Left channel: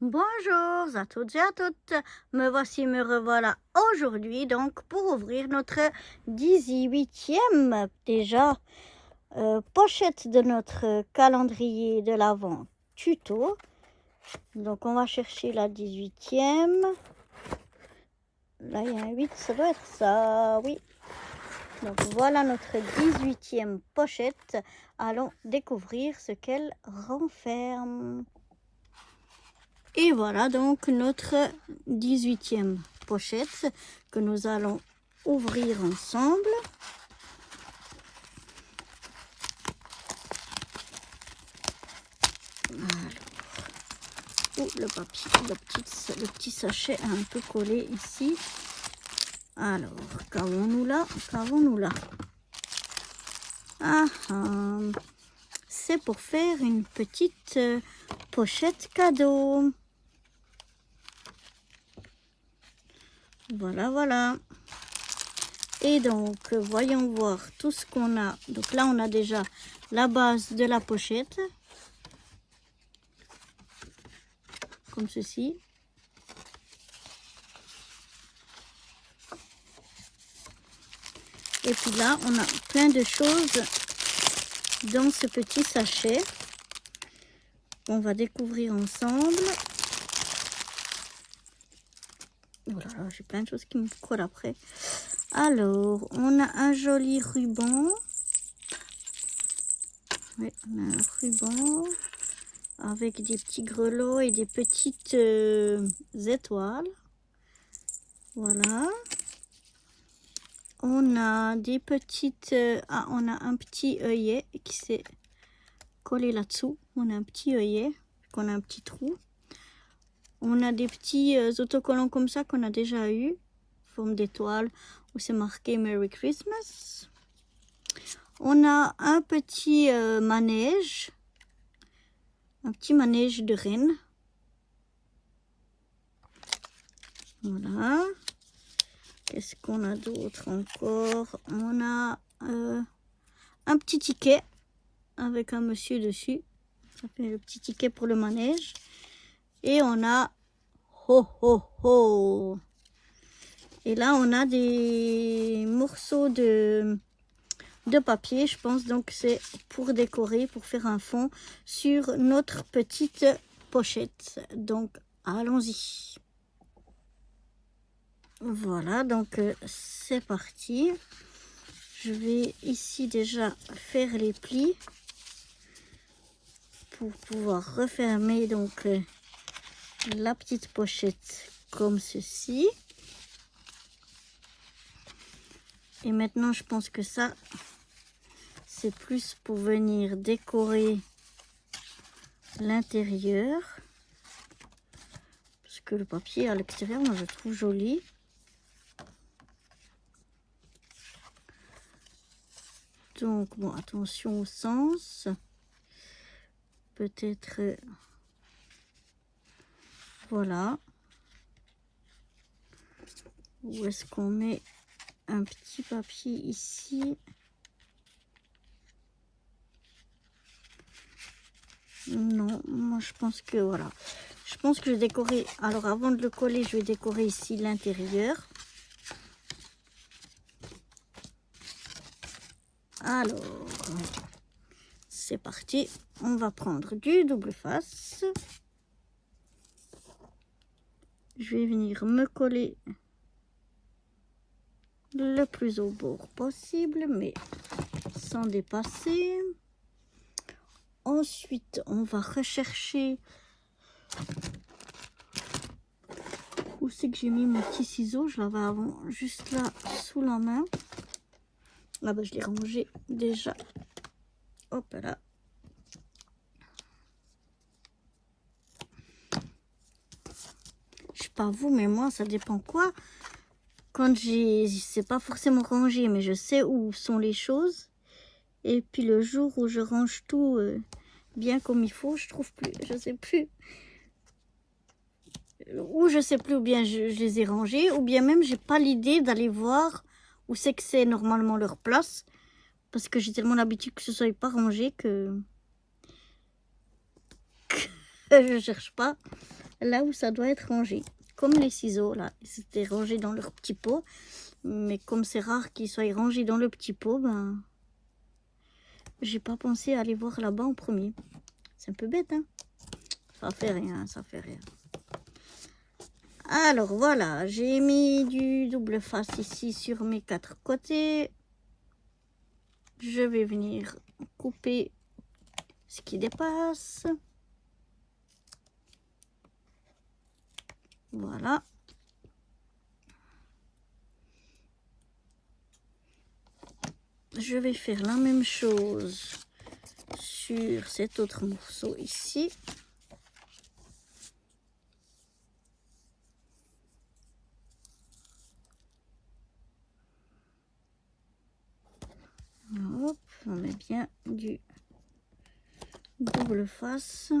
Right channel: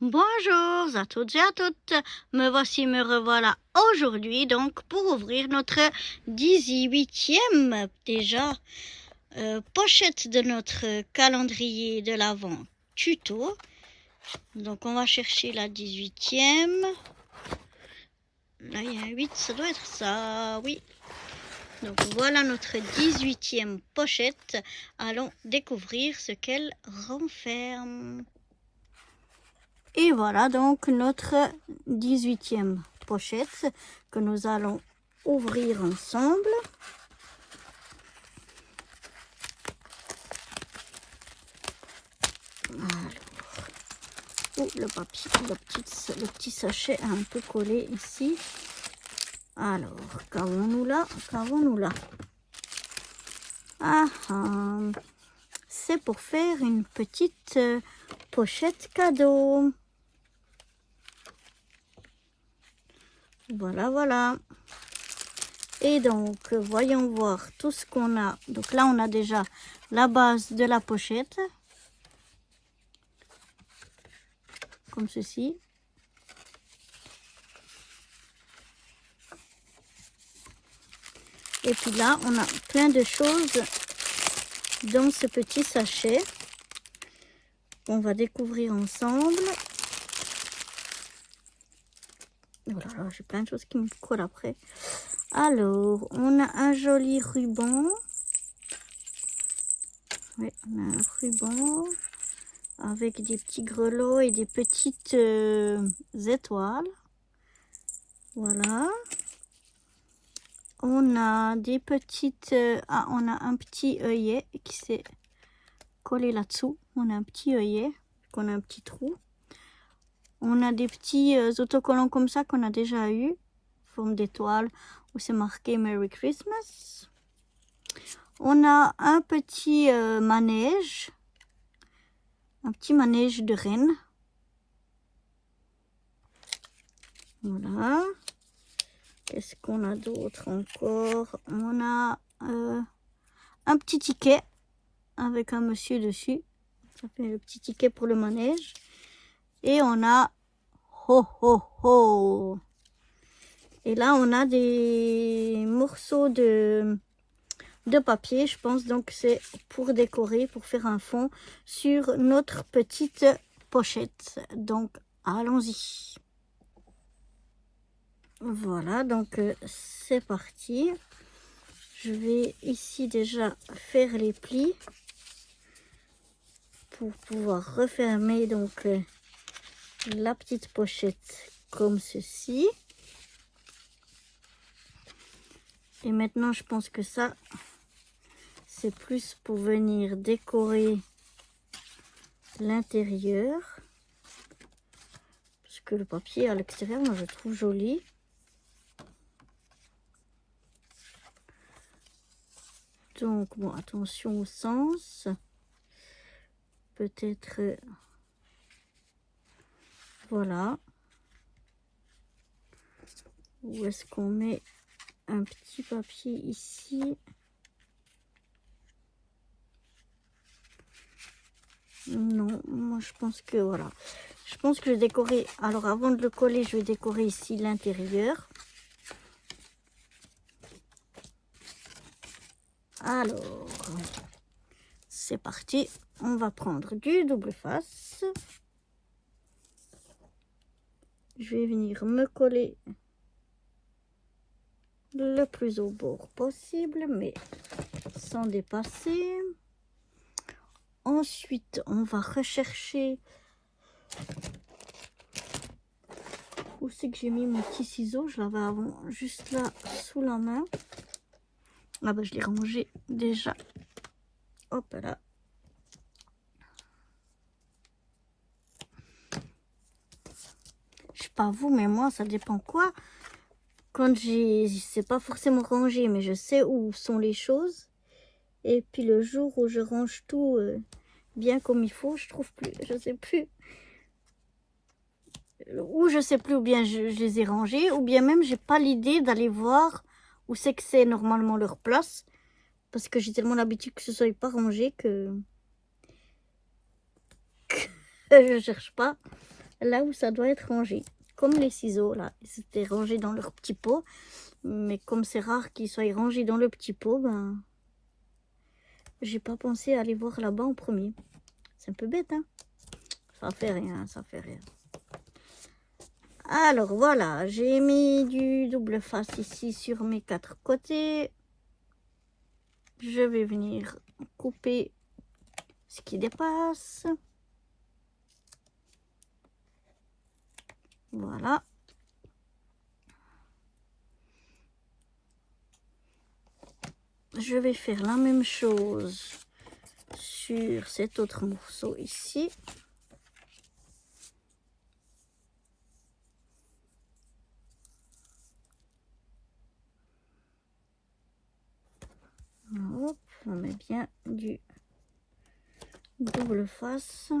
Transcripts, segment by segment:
Bonjour à toutes et à toutes, me revoilà aujourd'hui donc pour ouvrir notre 18e déjà pochette de notre calendrier de l'Avent tuto. Donc on va chercher la 18e. Là il y a un 8, ça doit être ça, oui. Donc voilà notre 18e pochette. Allons découvrir ce qu'elle renferme. Et voilà donc notre 18e pochette que nous allons ouvrir ensemble. Alors, le papier, le petit sachet a un peu collé ici. Alors, qu'avons-nous là? C'est pour faire une petite pochette cadeau. Voilà. Et donc, voyons voir tout ce qu'on a. Donc là, on a déjà la base de la pochette. Comme ceci. Et puis là, on a plein de choses dans ce petit sachet. On va découvrir ensemble. Voilà, j'ai plein de choses qui me collent après. Alors, on a un joli ruban. Oui, on a un ruban avec des petits grelots et des petites étoiles. Voilà. On a des petites... on a un petit œillet qui s'est collé là-dessous. On a un petit œillet, qu'on a un petit trou. On a des petits autocollants comme ça qu'on a déjà eu, forme d'étoile, où c'est marqué Merry Christmas. On a un petit manège, de reine. Voilà. Qu'est-ce qu'on a d'autre encore? On a un petit ticket avec un monsieur dessus. Ça fait le petit ticket pour le manège. Et on a ho ho ho. Et là on a des morceaux de papier, je pense. Donc c'est pour décorer, pour faire un fond sur notre petite pochette. Donc allons-y. Voilà, donc c'est parti. Je vais ici déjà faire les plis pour pouvoir refermer donc la petite pochette comme ceci. Et maintenant, je pense que ça, c'est plus pour venir décorer l'intérieur. Parce que le papier à l'extérieur, moi, je trouve joli. Donc, bon, attention au sens. Peut-être... voilà. Où est-ce qu'on met un petit papier ici? Non, moi je pense que voilà. Je pense que je vais décorer. Alors avant de le coller, je vais décorer ici l'intérieur. Alors, c'est parti. On va prendre du double face. Je vais venir me coller le plus au bord possible, mais sans dépasser. Ensuite, on va rechercher où c'est que j'ai mis mon petit ciseau. Je l'avais avant juste là sous la main. Ah ben je l'ai rangé déjà. Hop là. Je sais pas vous, mais moi ça dépend quoi. Quand c'est pas forcément rangé, mais je sais où sont les choses. Et puis le jour où je range tout bien comme il faut, je trouve plus, je sais plus. Ou je sais plus, ou bien je les ai rangés, ou bien même j'ai pas l'idée d'aller voir où c'est normalement leur place. Parce que j'ai tellement l'habitude que ce soit pas rangé que je cherche pas. là où ça doit être rangé. Comme les ciseaux, là, ils étaient rangés dans leur petit pot. Mais comme c'est rare qu'ils soient rangés dans le petit pot, ben, j'ai pas pensé à aller voir là-bas en premier. C'est un peu bête, hein? Ça fait rien, ça fait rien. Alors voilà, j'ai mis du double face ici sur mes 4 côtés. Je vais venir couper ce qui dépasse. Voilà. Je vais faire la même chose sur cet autre morceau ici. Hop, on met bien du double face.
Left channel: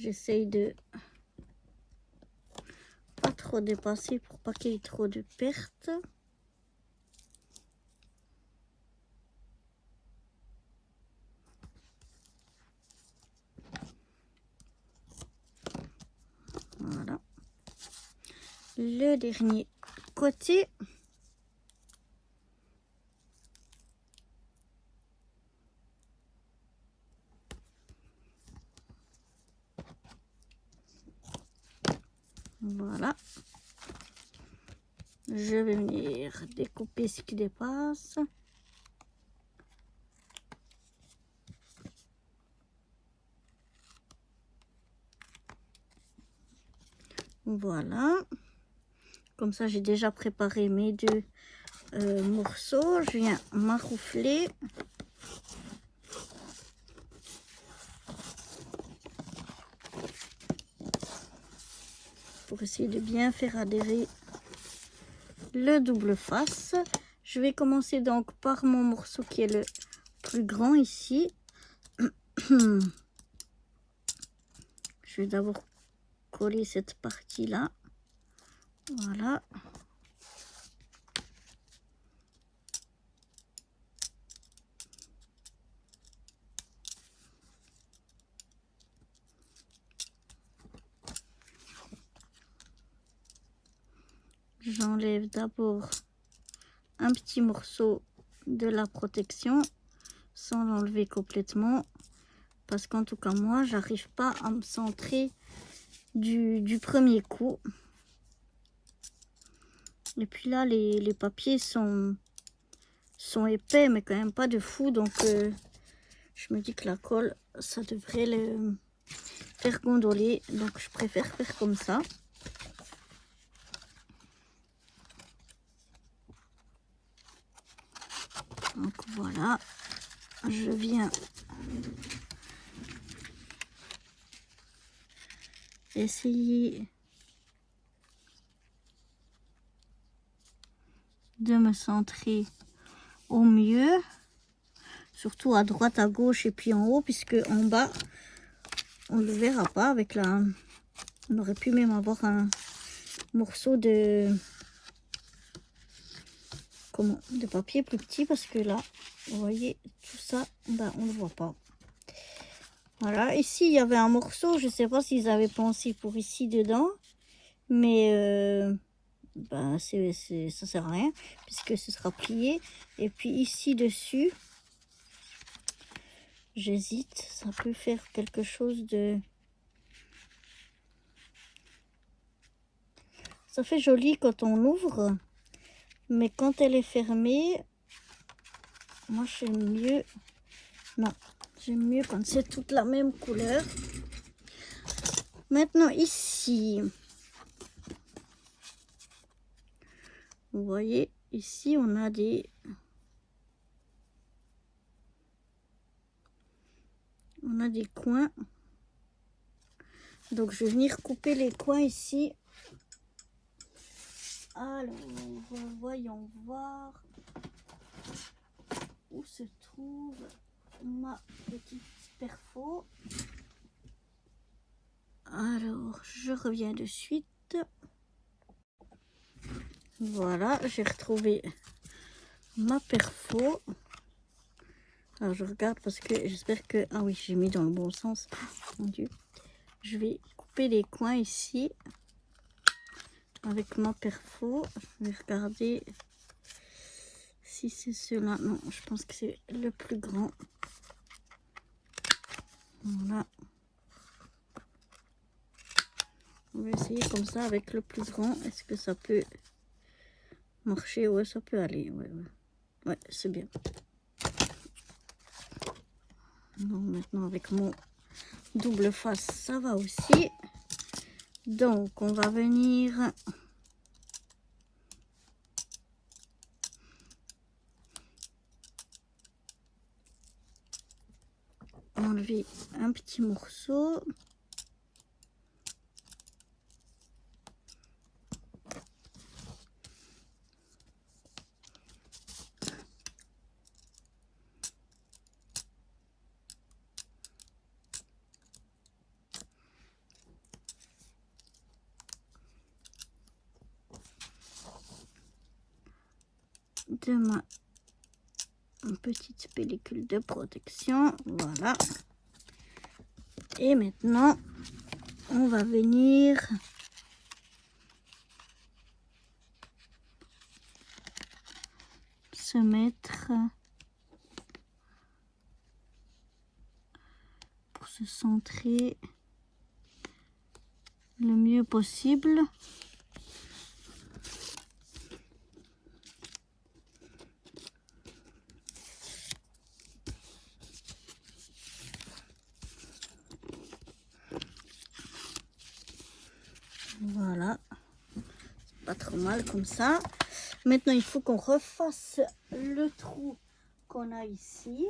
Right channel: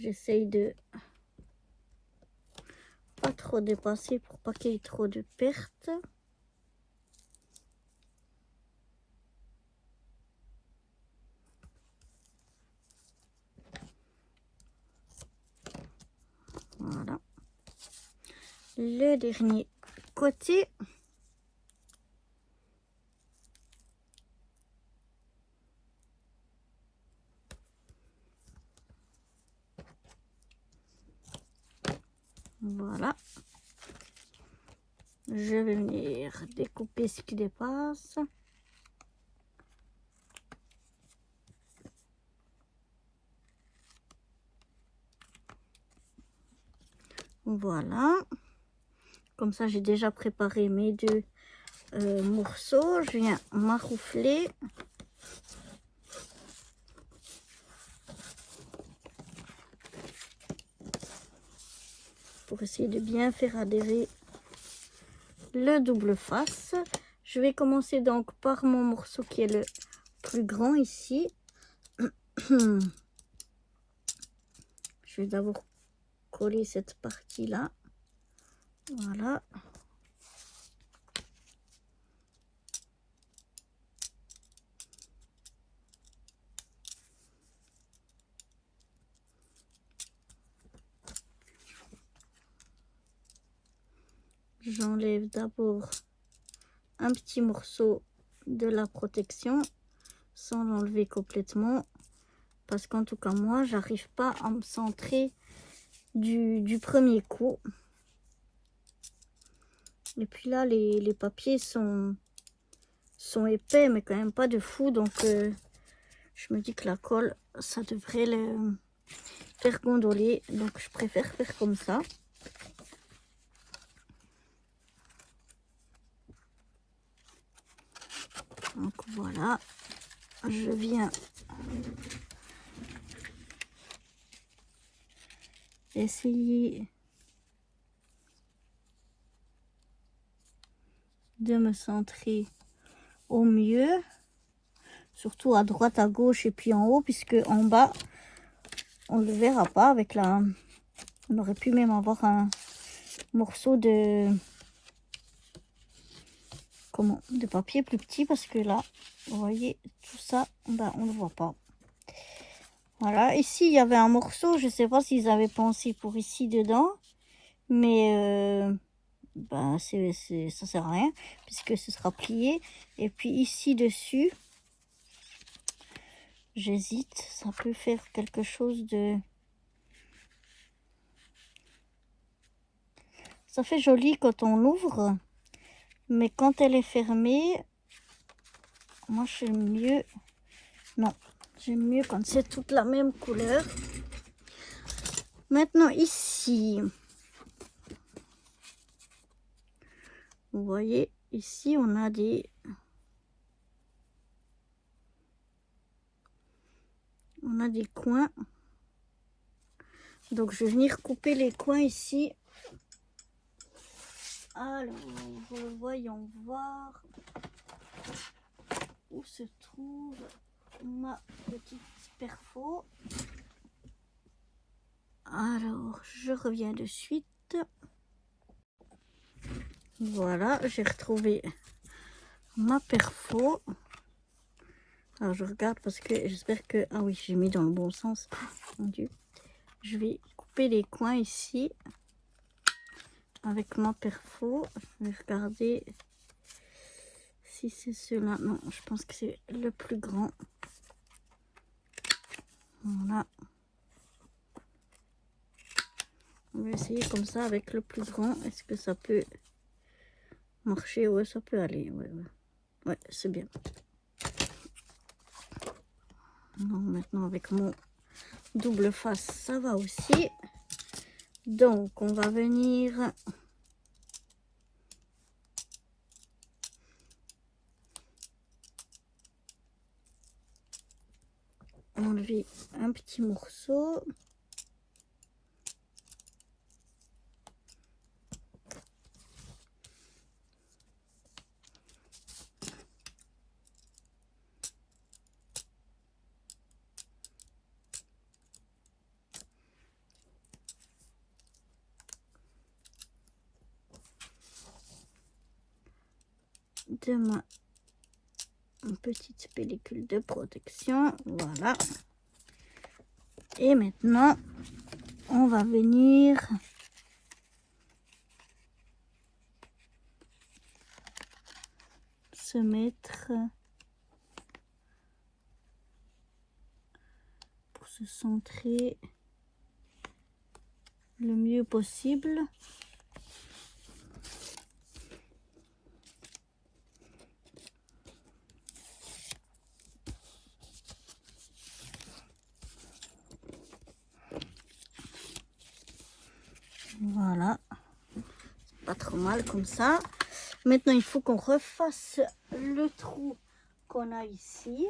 J'essaye de pas trop dépasser pour pas qu'il y ait trop de pertes. Voilà. Le dernier côté. Voilà. Je vais venir découper ce qui dépasse. Voilà. Comme ça, j'ai déjà préparé mes 2 morceaux. Je viens maroufler. Pour essayer de bien faire adhérer le double face. Je vais commencer donc par mon morceau qui est le plus grand ici. Je vais d'abord coller cette partie là. Voilà. J'enlève d'abord un petit morceau de la protection sans l'enlever complètement parce qu'en tout cas moi j'arrive pas à me centrer du premier coup. Et puis là les papiers sont épais mais quand même pas de fou, donc je me dis que la colle ça devrait le faire gondoler, donc je préfère faire comme ça. Donc voilà, je viens essayer de me centrer au mieux, surtout à droite, à gauche et puis en haut, puisque en bas on ne le verra pas avec la... On aurait pu même avoir un morceau de... Comment? De papier plus petit, parce que là, vous voyez, tout ça, ben, on ne le voit pas. Voilà, ici il y avait un morceau, je ne sais pas s'ils avaient pensé pour ici dedans, mais ben, ça sert à rien, puisque ce sera plié. Et puis ici dessus, j'hésite, ça peut faire quelque chose de... Ça fait joli quand on l'ouvre, mais quand elle est fermée, moi j'aime mieux... Non, j'aime mieux quand c'est toute la même couleur. Maintenant ici, vous voyez, ici on a des... On a des coins. Donc je vais venir couper les coins ici. Alors, voyons voir où se trouve ma petite perfo. Alors, je reviens de suite. Voilà, j'ai retrouvé ma perfo. Alors je regarde parce que j'espère que... Ah oui, j'ai mis dans le bon sens. Mon Dieu. Je vais couper les coins ici avec ma perfo. Je vais regarder si c'est cela. Non, je pense que c'est le plus grand. Voilà. On va essayer comme ça avec le plus grand. Est-ce que ça peut marcher? Ouais, ça peut aller. Ouais, c'est bien. Non, maintenant avec mon double face, ça va aussi. Donc, on va venir enlever un petit morceau. De ma petite pellicule de protection, voilà. Et maintenant on va venir se mettre pour se centrer le mieux possible. Voilà, pas trop mal comme ça. Maintenant, il faut qu'on refasse le trou qu'on a ici.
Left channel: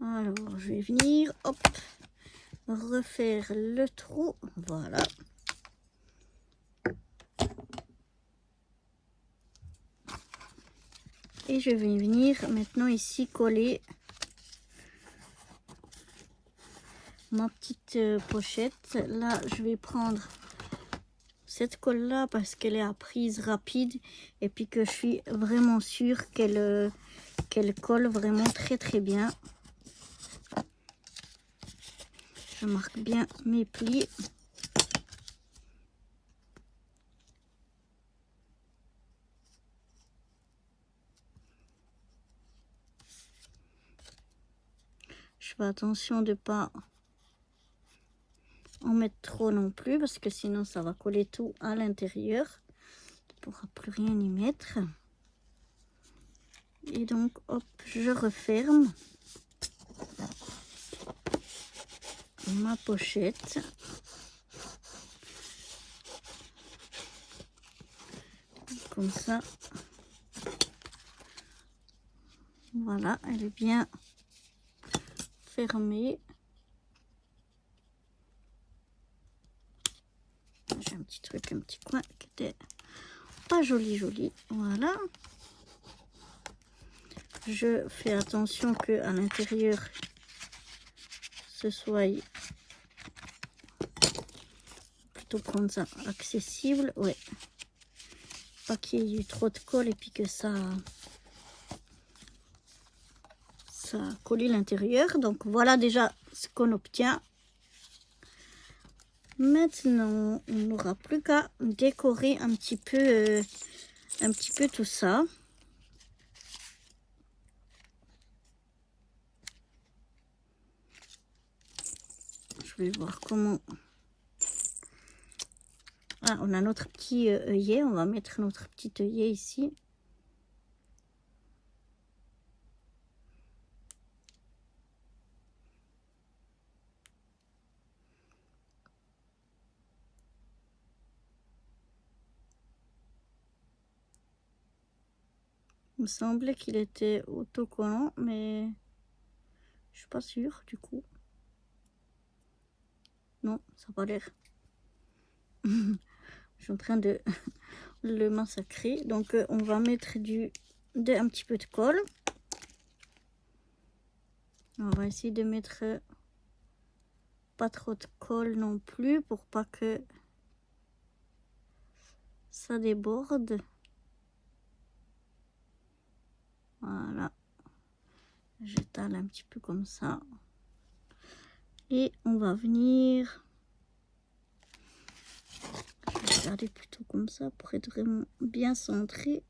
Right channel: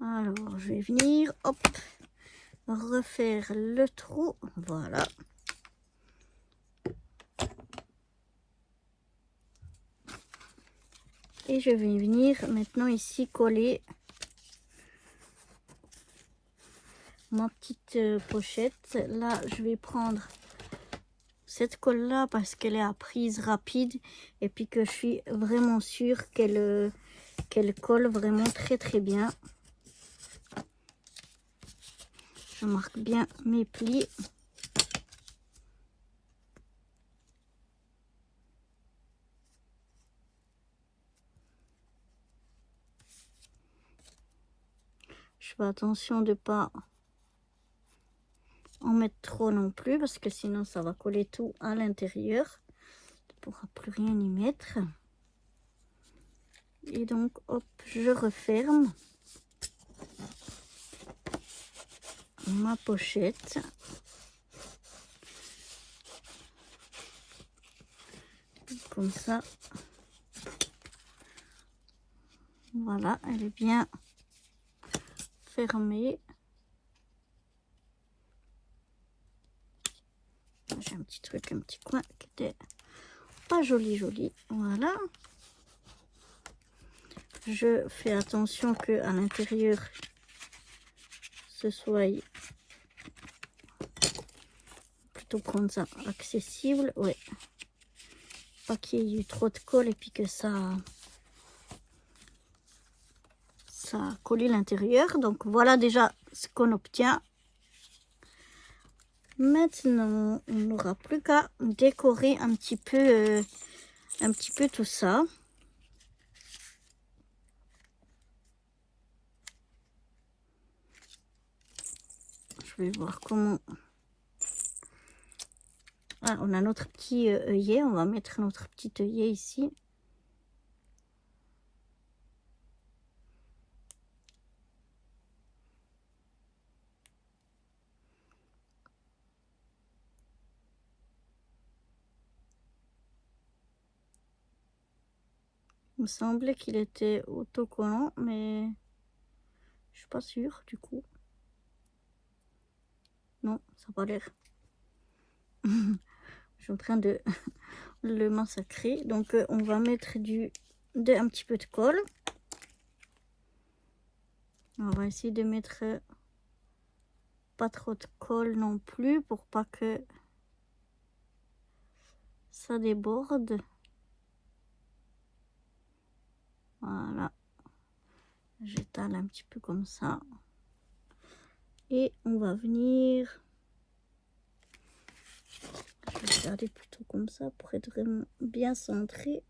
Alors, je vais venir, hop, refaire le trou. Voilà. Et je vais venir maintenant ici coller ma petite pochette. Là, je vais prendre cette colle là parce qu'elle est à prise rapide et puis que je suis vraiment sûre qu'elle colle vraiment très bien. Je marque bien mes plis. Je fais attention de pas en mettre trop non plus parce que sinon ça va coller tout à l'intérieur. On ne pourra plus rien y mettre. Et donc hop, je referme ma pochette. Comme ça. Voilà, elle est bien fermée. J'ai un petit truc, un petit coin qui était pas joli. Voilà. Je fais attention que à l'intérieur ce soit plutôt prendre ça accessible. Ouais. Pas qu'il y ait eu trop de colle et puis que ça colle l'intérieur. Donc voilà déjà ce qu'on obtient. Maintenant, on n'aura plus qu'à décorer un petit peu tout ça. Je vais voir comment. Ah, on a notre petit œillet. On va mettre notre petit œillet ici. Il me semblait qu'il était autocollant, mais je suis pas sûre du coup. Non, ça n'a pas l'air. Je suis en train de le massacrer. Donc on va mettre un petit peu de colle. On va essayer de mettre pas trop de colle non plus pour pas que ça déborde. Voilà. J'étale un petit peu comme ça. Et on va venir regarder plutôt comme ça pour être vraiment bien centré.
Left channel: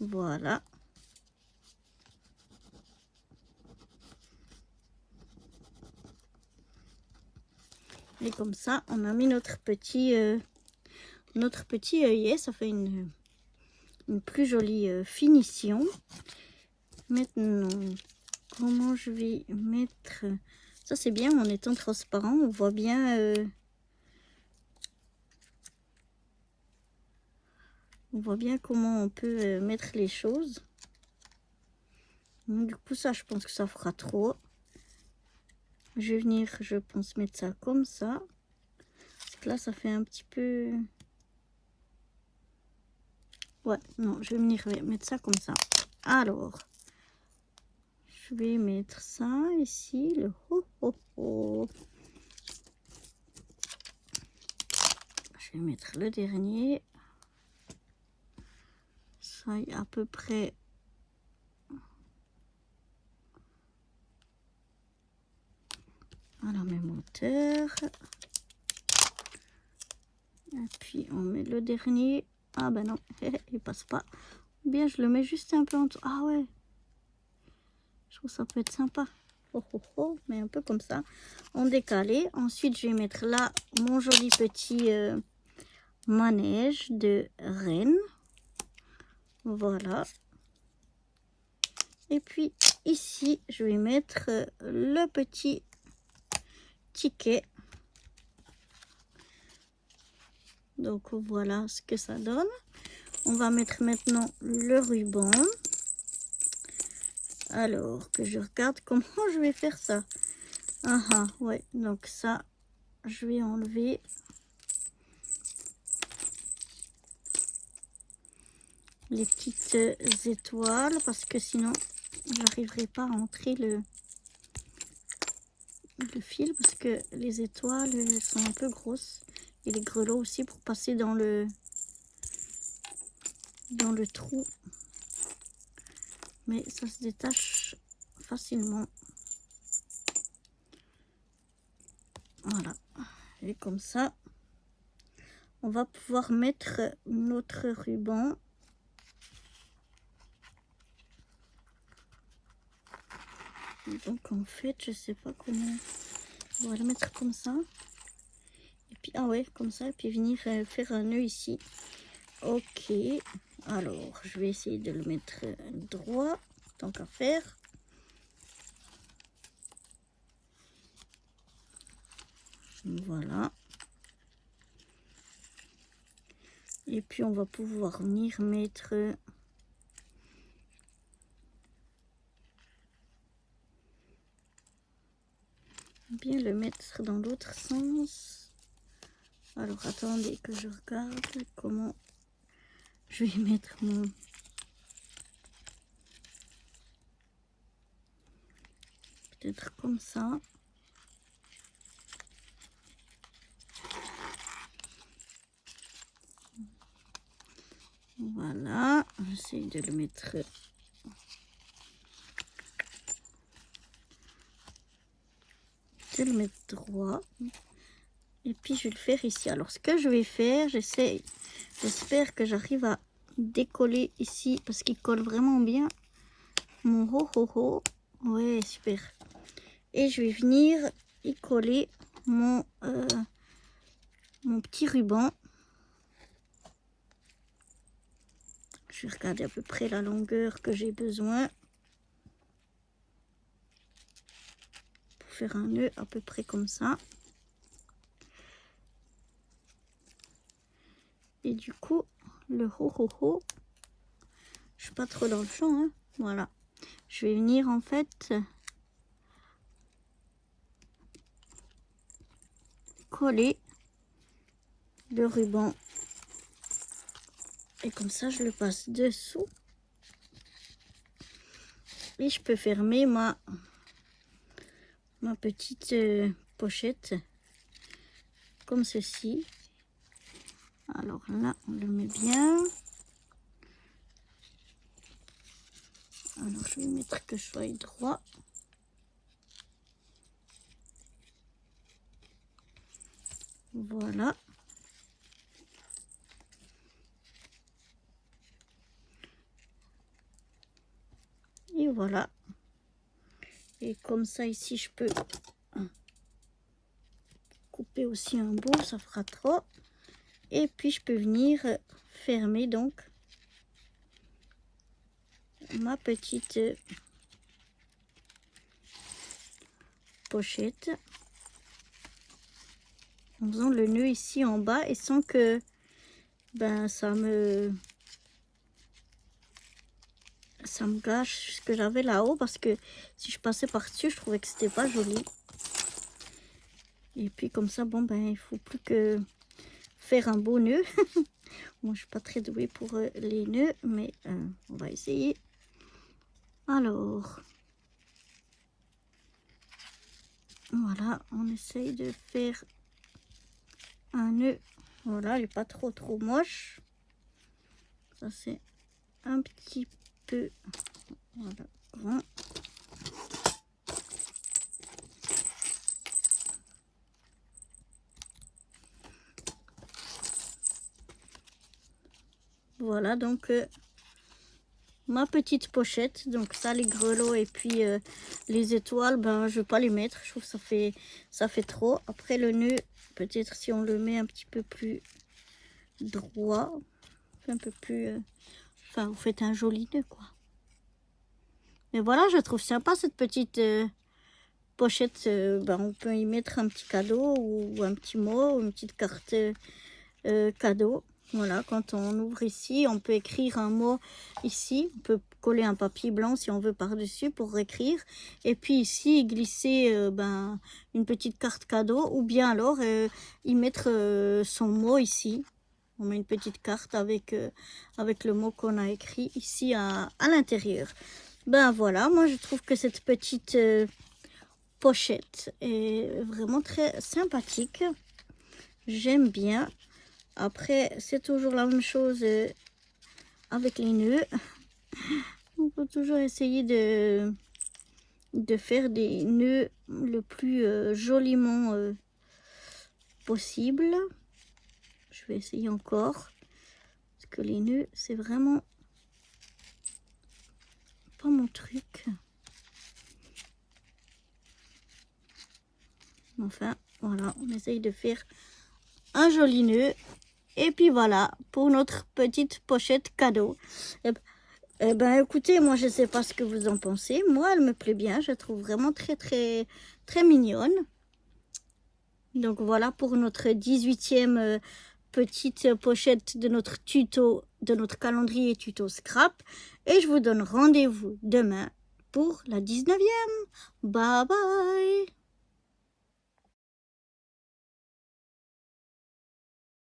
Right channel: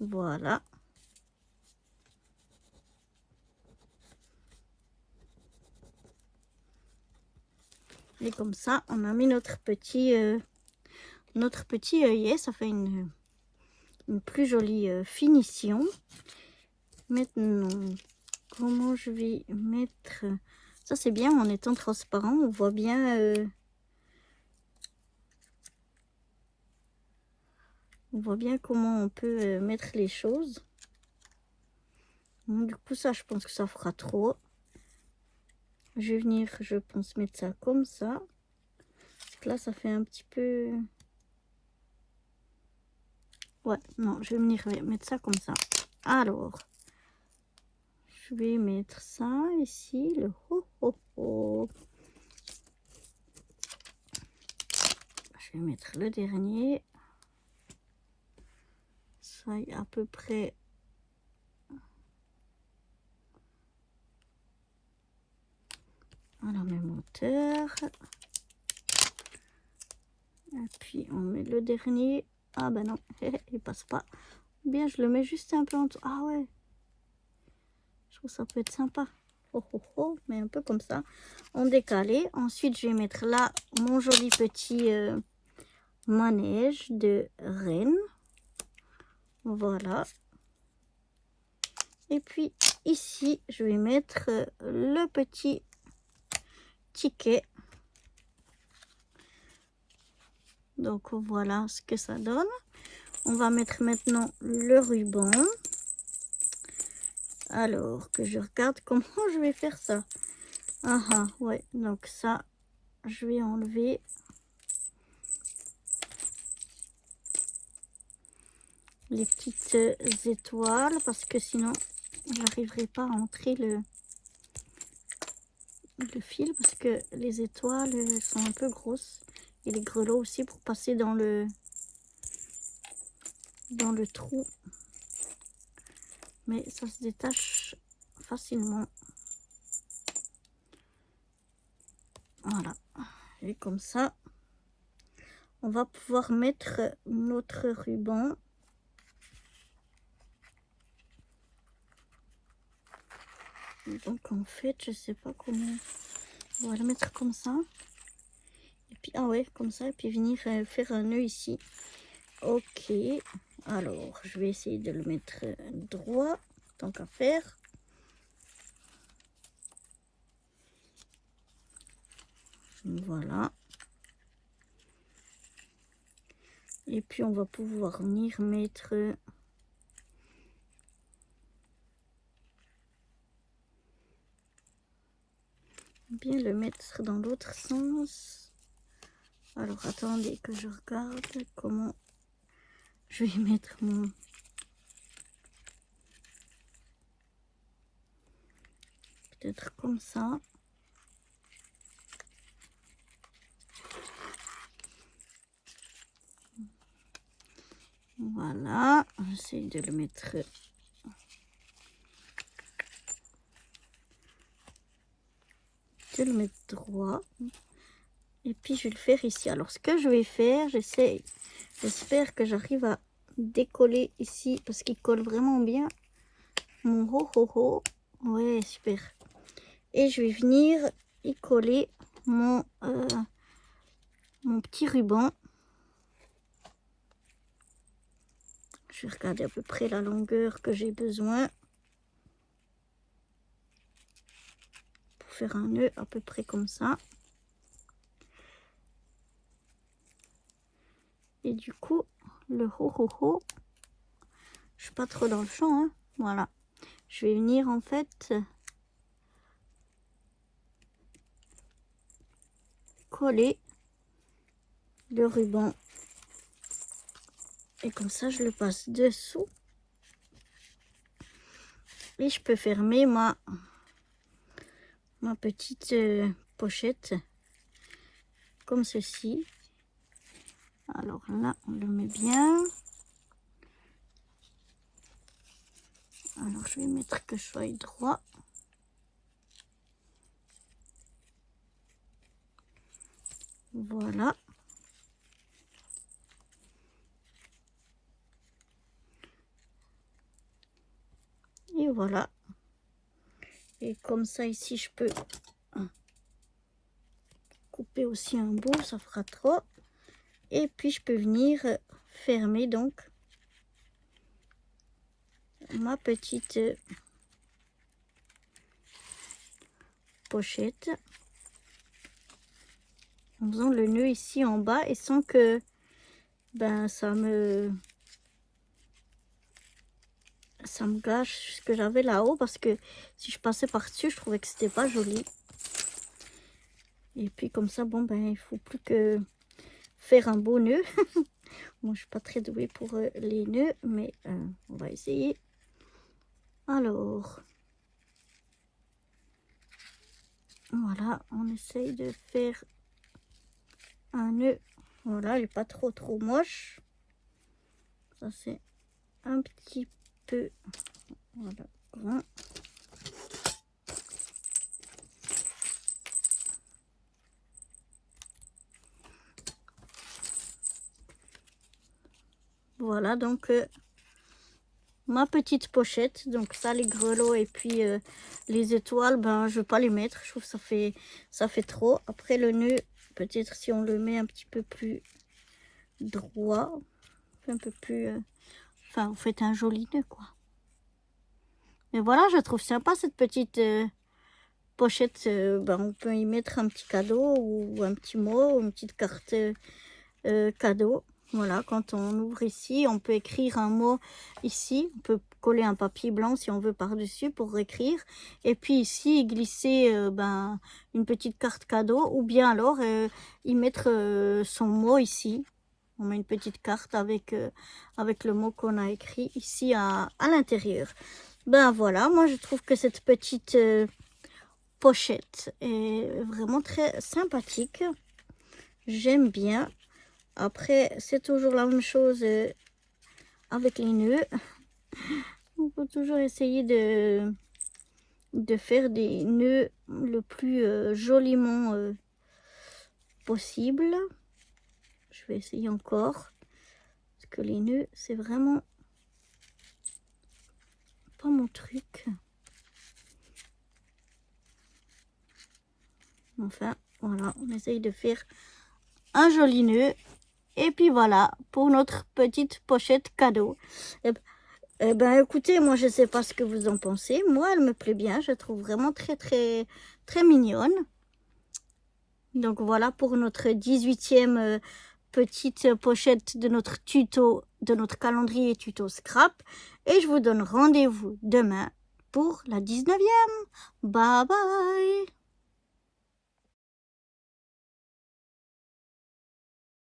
Voilà. Et comme ça, on a mis notre petit œillet. Ça fait une plus jolie finition. Maintenant, comment je vais mettre... Ça, c'est bien en étant transparent. On voit bien... on voit bien comment on peut mettre les choses. Donc, du coup, ça, je pense que ça fera trop. Je vais venir, je pense, mettre ça comme ça. Parce que là, ça fait un petit peu... Ouais, non, je vais venir mettre ça comme ça. Alors, je vais mettre ça ici, le ho ho ho. Je vais mettre le dernier. Ça y est à peu près... à la même hauteur. Et puis on met le dernier. Ah ben non, il passe pas. Ou bien je le mets juste un peu en dessous. Ah ouais. Je trouve que ça peut être sympa. Oh, oh, oh. Mais un peu comme ça. En décalé. Ensuite je vais mettre là mon joli petit manège de reine. Voilà. Et puis ici je vais mettre le petit ticket. Donc voilà ce que ça donne. On va mettre maintenant le ruban. Alors que je regarde comment je vais faire ça. Ah ah, ouais, donc ça, je vais enlever les petites étoiles parce que sinon, j'arriverai pas à entrer le fil parce que les étoiles sont un peu grosses. Et les grelots aussi pour passer dans le trou. Mais ça se détache facilement. Voilà. Et comme ça, on va pouvoir mettre notre ruban. Donc en fait, je sais pas comment. On va le mettre comme ça. Et puis, ah ouais, comme ça. Et puis venir faire un nœud ici. Ok. Alors, je vais essayer de le mettre droit, tant qu'à faire. Voilà. Et puis, on va pouvoir venir mettre... bien le mettre dans l'autre sens. Alors, attendez que je regarde comment je vais mettre mon... Peut-être comme ça. Voilà, j'essaie de le mettre droit. Et puis je vais le faire ici. Alors ce que je vais faire, j'espère que j'arrive à décoller ici parce qu'il colle vraiment bien. Mon ho ho ho. Ouais, super. Et je vais venir y coller mon petit ruban. Je vais regarder à peu près la longueur que j'ai besoin pour faire un nœud à peu près comme ça. Et du coup, le ho ho ho, je suis pas trop dans le champ, hein. Voilà. Je vais venir en fait coller le ruban. Et comme ça, je le passe dessous. Et je peux fermer ma petite pochette comme ceci. Alors là, on le met bien. Alors je vais mettre que je sois droit. Voilà. Et voilà. Et comme ça ici je peux couper aussi un bout, ça fera trop. Et puis je peux venir fermer donc ma petite pochette en faisant le nœud ici en bas et sans que ça me gâche ce que j'avais là-haut, parce que si je passais par-dessus je trouvais que c'était pas joli. Et puis comme ça, bon il faut plus que faire un beau nœud. Moi je suis pas très douée pour les nœuds, mais on va essayer. Alors voilà, on essaye de faire un nœud. Voilà, il n'est pas trop moche. Ça c'est un petit peu, voilà, grand. Voilà donc ma petite pochette. Donc ça, les grelots et puis les étoiles, je vais pas les mettre, je trouve que ça fait trop. Après le nœud, peut-être si on le met un petit peu plus droit, un peu plus enfin vous faites un joli nœud quoi. Mais voilà, je trouve sympa cette petite pochette. On peut y mettre un petit cadeau ou un petit mot, une petite carte cadeau. Voilà, quand on ouvre ici, on peut écrire un mot ici. On peut coller un papier blanc si on veut par-dessus pour écrire. Et puis ici, glisser une petite carte cadeau. Ou bien alors y mettre son mot ici. On met une petite carte avec le mot qu'on a écrit ici à l'intérieur. Voilà, moi je trouve que cette petite pochette est vraiment très sympathique. J'aime bien. Après, c'est toujours la même chose avec les nœuds. On peut toujours essayer de faire des nœuds le plus joliment possible. Je vais essayer encore. Parce que les nœuds, c'est vraiment pas mon truc. Enfin, voilà, on essaye de faire un joli nœud. Et puis voilà, pour notre petite pochette cadeau. Écoutez, moi je sais pas ce que vous en pensez. Moi, elle me plaît bien. Je trouve vraiment très mignonne. Donc voilà pour notre 18e petite pochette de notre tuto, de notre calendrier tuto scrap. Et je vous donne rendez-vous demain pour la 19e. Bye bye.